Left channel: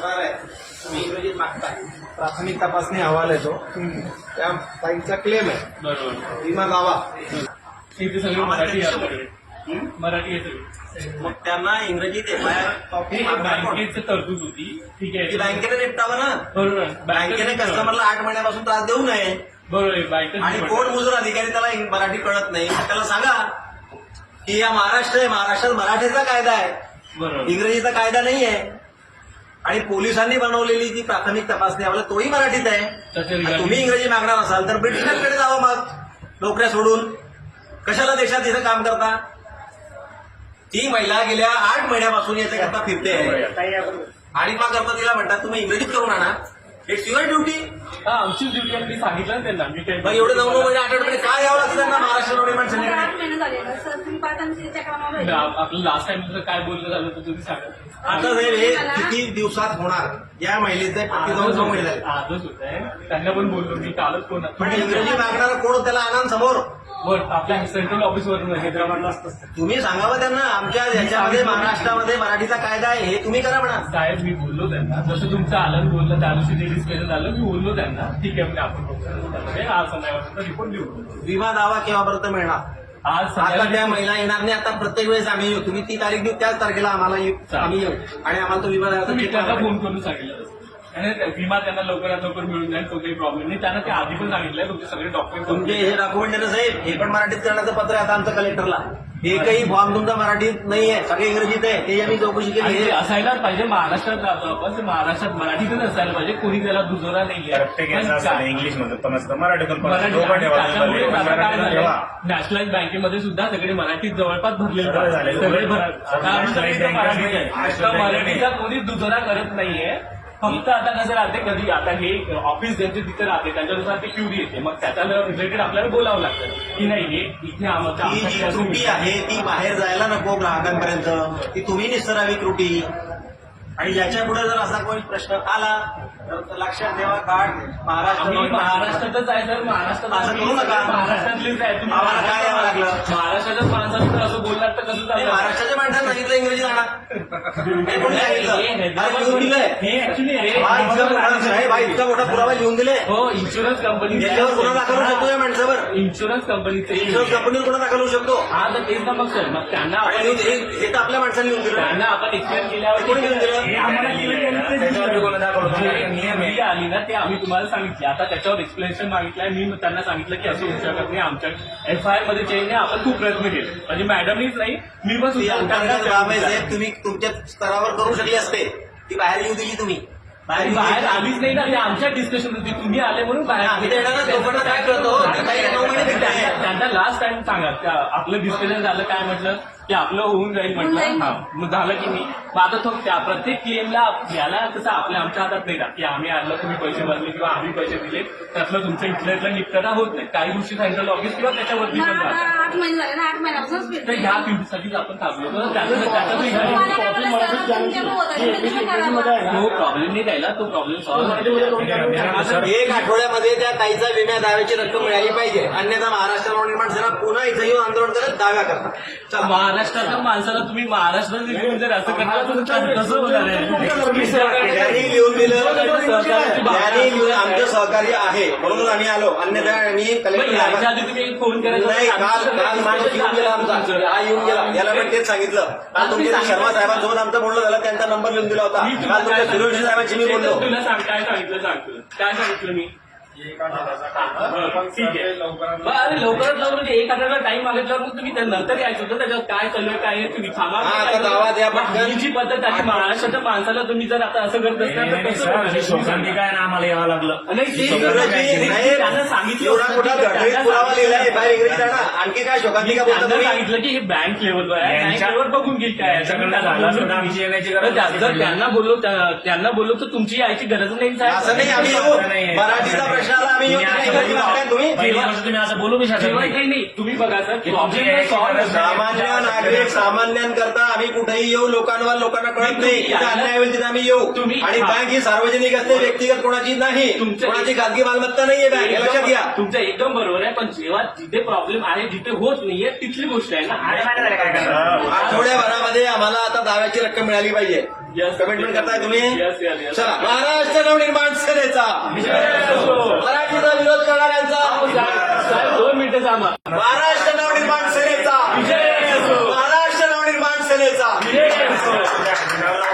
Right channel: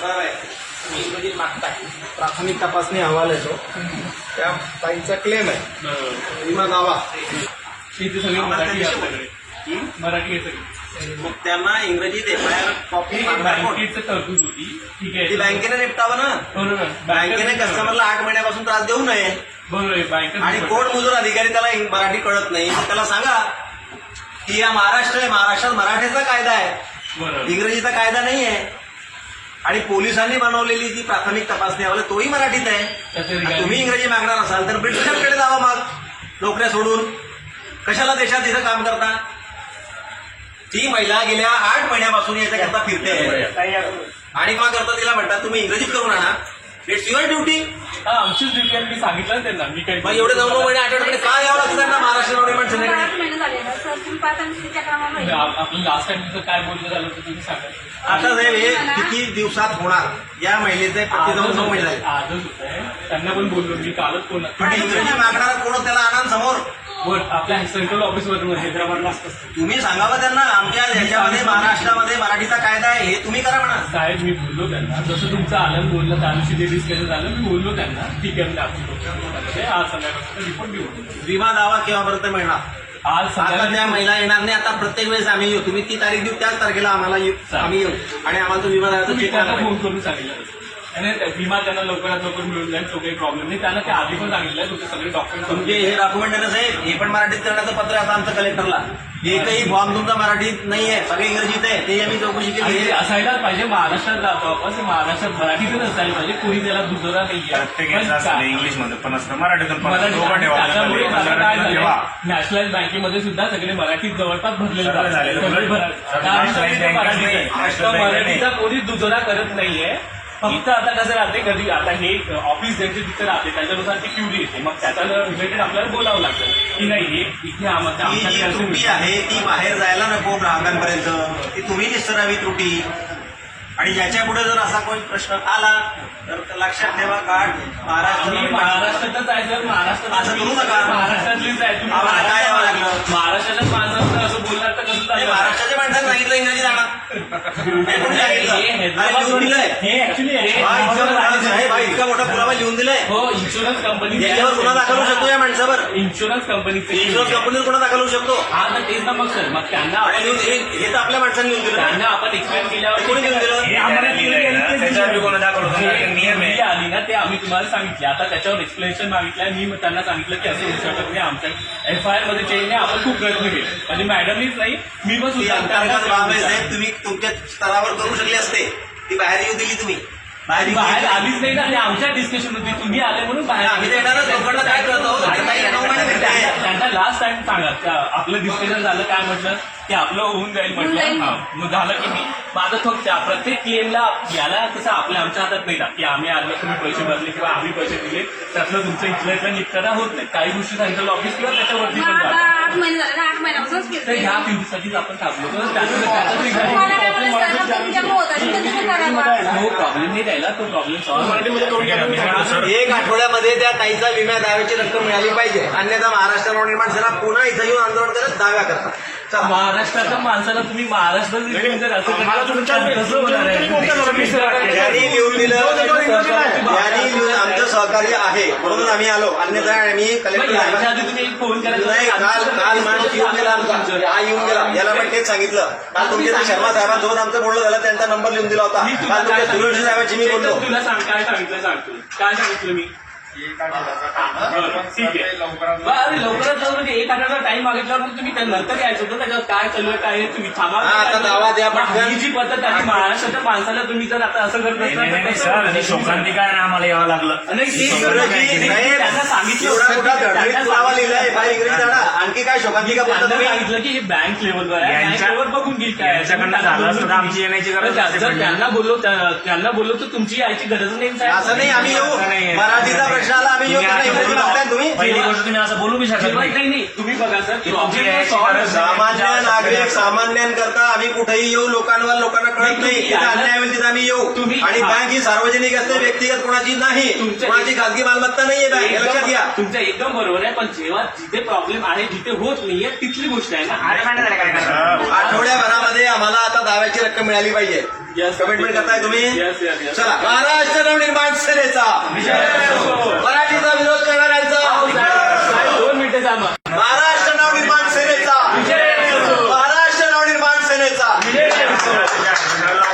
असणार आहे. तुम्ही इंग्रजीत मागताय प्राथमिक तपासणी अहवाल येतो. त्या बाईचा क्लेम आहे. विमा दावा. इथे सगळे मराठी आहे आपल्याकडे. मराठी आहे सगळे. मग त्यांना इंग्रजीत एफ आय आर कॉपी बँकेची तरतूद होती. ठीक ती आहे बँकेने निपटावं ना? बरोबर. बँकेने कस्टमरला आठ महिन्यापासून त्रास देऊ नये. बरोबर आहे. आणि कोण मजूर अधिकारी त्याला इंग- मराठी कळत नाही. त्याला सांगा की या महाराष्ट्र आहे. महाराष्ट्रात मराठीचा कायदा आहे. बरोबर. इंग्रजीचा कायदा नाही आहे आणि पोलिसांनी बनवलेली जी प्राथमिक तपासणी अहवाल तोही मराठीत आहे. आणि तुम्ही इंग्रजी मागणार असाल तर ब्रिटिशांकडे जावा मग. नोकऱ्या सोडून. कशाला देशात इथं काम करता? ती महिला गेल्या आठ महिन्यापासून याच्याकरता फिरते आणि मग करता तिला म्हणतात तुम्ही इंग्रजीत करून आणा. इट्स युअर ड्युटी हा आमचीच ड्युटी आहे मी सांगितलं त्यांना. मी काही मग एवढे नऊ नऊ महिने आठ आठ महिने काय यावं लागतं त्यांना महाराष्ट्र गव्हर्नमेंट मला आठ संघटने महिने झालेला आपलं लास्ट टाइम काय झालं तर तुम्ही सांगा आता साहेब हे किती दिवसात होणार? या महिलेचे पत्ती जाऊन नऊ महिने. झाले. आजच होत आहे. त्यांना पण बोललो मी कालच कोण पण इंग्रजी मागणारा कोण त्याला आणा समोर? वर आपल्या सेंट्रल ऑफिस वरून हैदराबादला असतं तुम्ही सांगावं त्यांना आमच्या देशामध्ये महाराष्ट्रामध्ये मराठीचा कायदा आहे हे तुम्ही करा म्हणा. साहेब मी बोललो त्यांना. जसं तुमचं आलं बोललं त्या दिवशी ते डिस्कशन झालं मी बोललो त्यांना. ठीक आहे म्हणजे आपण आज संध्याकाळपर्यंत रिपोर्ट देऊ विमा दावा केव्हापर्यंत मिळणार? आज आता त्या महिला येणार नाही. आता प्रत्येक वेळेस आम्ही येऊ. तुम्ही ती तारीख देऊ त्याच तारखेला आम्हाला येऊ. आम्ही येऊ. आणि आम्हाला तुम्ही त्यांना फोन करून सांगितलं. आणि विमा त्यांना लवकरात लवकर मिळून जाईल तो काही प्रॉब्लेम नाही. त्यांना ते आधी पण सांगितलं तुमचे सगळे डॉक्युमेंट तुमचे हे डॉक्युमेंट हे पण मराठीत करण्याचं पत्र आता आमचं कलेक्टरला एकही फॉर्म तुमचा मराठीत नाहीये सगळे इंग्रजीत आहे ते आम्ही चौकशी केली असायलाच पाहिजे महाराष्ट्रात जातो आपण ते महाराष्ट्रात मराठीतच असायला पाहिजे कोणी त्याला दुसरा का- इंग्लिशमध्ये पण असतं मराठीतून. झालं नॅशनलाइज बँकेमध्ये सुद्धा सगळे मराठीत जवळपास भरलेले नाही. आहे. bank मराठीचा नाही. कोणीच दुजोरा करत नाहीये फक्त आता कसं राहते कधी आता हे ऑफिस ज्यांचे तिथे राहते त्याच्यानुसार ते क्युरी येते मग त्याच्या रिलेटेड आपल्याला बोलावं लागतं. की नाही हे इथे आम्हाला ही जी आमच्याकडे त्रुटी असं आहे ती बाहेर जायला नको ग्राहकांपर्यंत. ती तुम्ही निसरावी त्रुटी. आणि याच्यापुढे जर असा कोणी प्रश्न आला तर लक्षात ठेवा कार्ड महाराष्ट्र महाराष्ट्रातच आहे सर. महाराष्ट्रात असं करू नका. महाराष्ट्रातलीच आहे. तुम्ही आम्हाला काय यावं लागलं? माणसाचं असं बोललात तर कसं चाललं महाराष्ट्राच्या माणसाने सांगितलं इंग्रजी जाणार हे? हे हे ऍक्च्युली हा, इतका मोठा- हा पुरावा लिहून दिलाय हो इन्शुरन्स कंपनी याच्यावर गुन्हा दाखल होऊ शकतो या माणसावर इन्शुरन्स कंपनीचे इन्शुरन्स कंपनीवर गुन्हा दाखल होऊ शकतो? हा तर तेच ना मग सर. मग त्यांना आपण लिहून- हे हे तर आपल्या माणसाने लिहून दिलं त्यांना आपण एक्सप्लेन केल्यावर कोणी लिहून दिलं? हे नियम आहे. जी आली ना ते आम्ही तुम्हाला सांगितले. आता त्याच्यावर एक्सप्लेनेशन मागितलंय. मी त्यांना सांगितलं की असं होऊ शकत नाही आमच्या एफ आय आरमध्ये चेंज नाही. आपण खूप प्रयत्न केले. म्हणजे मॅडमनीच नाही मी पण सुद्धा आहे तुम्ही तुमच्या स्तरावर करू शकले असते. ती बाहेर येऊ दिली तुम्ही. बाहेर बाहेर. आलीच नाही ना ते आमच्या डिस्कशन होती तुम्ही आले म्हणून बाहेर आम्ही लोकांना काय. त्यांना- लास्ट टाइम सांगा का आपलं डिस्कशन झालं काय म्हटलं? की आपलं होऊन जाईल म्हटलं. हा मग झालं की नाही. मग आता तो त्या प्रत्येक पीएमला याला कसं आपल्या आमच्या हातात नाही ना की आम्ही आलं तुम्ही पैसे भरले किंवा आम्ही पैसे दिले. त्यातलं तुमचं इथलं इथलं निपटारा होत नाही. काही गोष्टी सेंट्रल ऑफिस किंवा त्याच्यावरती पण आठ तर. ह्या फ्युचरसाठीच आपण थांबलो. तर तो प्रॉब्लेम नाही तो प्रॉब्लेम सॉल्व्ह सर एक आठवड्यामध्ये त्या ताईचा विमा दाव्याची रक्कम मिळाली पाहिजे. अन्यथा महाराष्ट्र नवनिर्माण सेना पुन्हा इथं येऊन आंदोलन करत दाव्या करतात. महाराष्ट्राच्या माणसाला तुम्ही महाराष्ट्रात लिहून दिलं लिहून आमचं सहकार्य आहे म्हणून आम्ही आलो. अन्यथा आम्ही कलेक्टर याच्या आधी तुम्ही फोन करायचा नाही काल काल माणूस येऊन गेला आमचा. हा येऊन गेला. याला पण तेच सांगितलं. काल तुमच्या त्या शर्मा साहेबांसोबत आमचं बोलणं झालं त्यांचा नंबर लिहून दिला होता. काल तुमच्या सुरेश साहेबांची मी बोललो? तुला सांग काय सांगितलं सांगतो काय सांगितलं मी? अरे लवकरात लवकर ते एक आठवडा टाइम मागितल्यावर मग तुम्ही त्या नंतर यायचं होतं त्याच्यावर काय चालू आहे काय तुम्ही थांबा. हा, आता दावा द्या पटकन. जी पद्धत आहे महाराष्ट्राच्या माणसाला तुम्ही जर आता असं करत नाही? ही शोकांतिका आहे ना आम्हाला यावं लागलं. त्यांना सांगितलं की आणखी काय त्यांना तुम्ही. सांगितलं की हे बँक लेवलवर आहे. बँक यांच्या- लेवलवर बघून घेईल काय. यांच्याकडनं झालं असतं तर आमची येण्याची गरज पण त्या- नसती जर. त्यांना बोललो त्या- त्यांना बोललो तर तुमची यायची गरज नाही साहेब. असं नाही आम्ही येऊ. मराठीचा प्रश्न प्रश्नाला तुम्ही पहिली गोष्ट तुम्ही असं बोलू बी शकत जेव्हा नाही. नाही. नाही तुम्ही बघा सर. तुमची प्रॉब्लेम यायची सॉल्व्ह गरज सामान्य नागरिक सामान्यांकरता आम्ही कुठेही येऊ लोकांवर लोकांना कळत नाही तिथे अन्याय होईल तिथे आम्ही येऊ. तुम्ही- आणि. बँक ही सार्वजनिक असते व्यक्तिगत कोणाची नाही. तुमच्या- कोणाची खाजगी मालमत्ता नाहीये बँक हे लक्षात घ्या. एकदम- तुमचं एकदम बरोबर आहे पण जेव्हा जिथे प्रॉब्लेम आहे जिथे होत नाहीये तिथली गोष्ट आहे ना? आठवड्याभरामध्ये आम्हाला आता दाव्याची रक्कम मिळाली पाहिजे. कमिटमेंट करताय तुम्ही. चला महाराष्ट्र नवनिर्माण सेनेचा. मराठीचा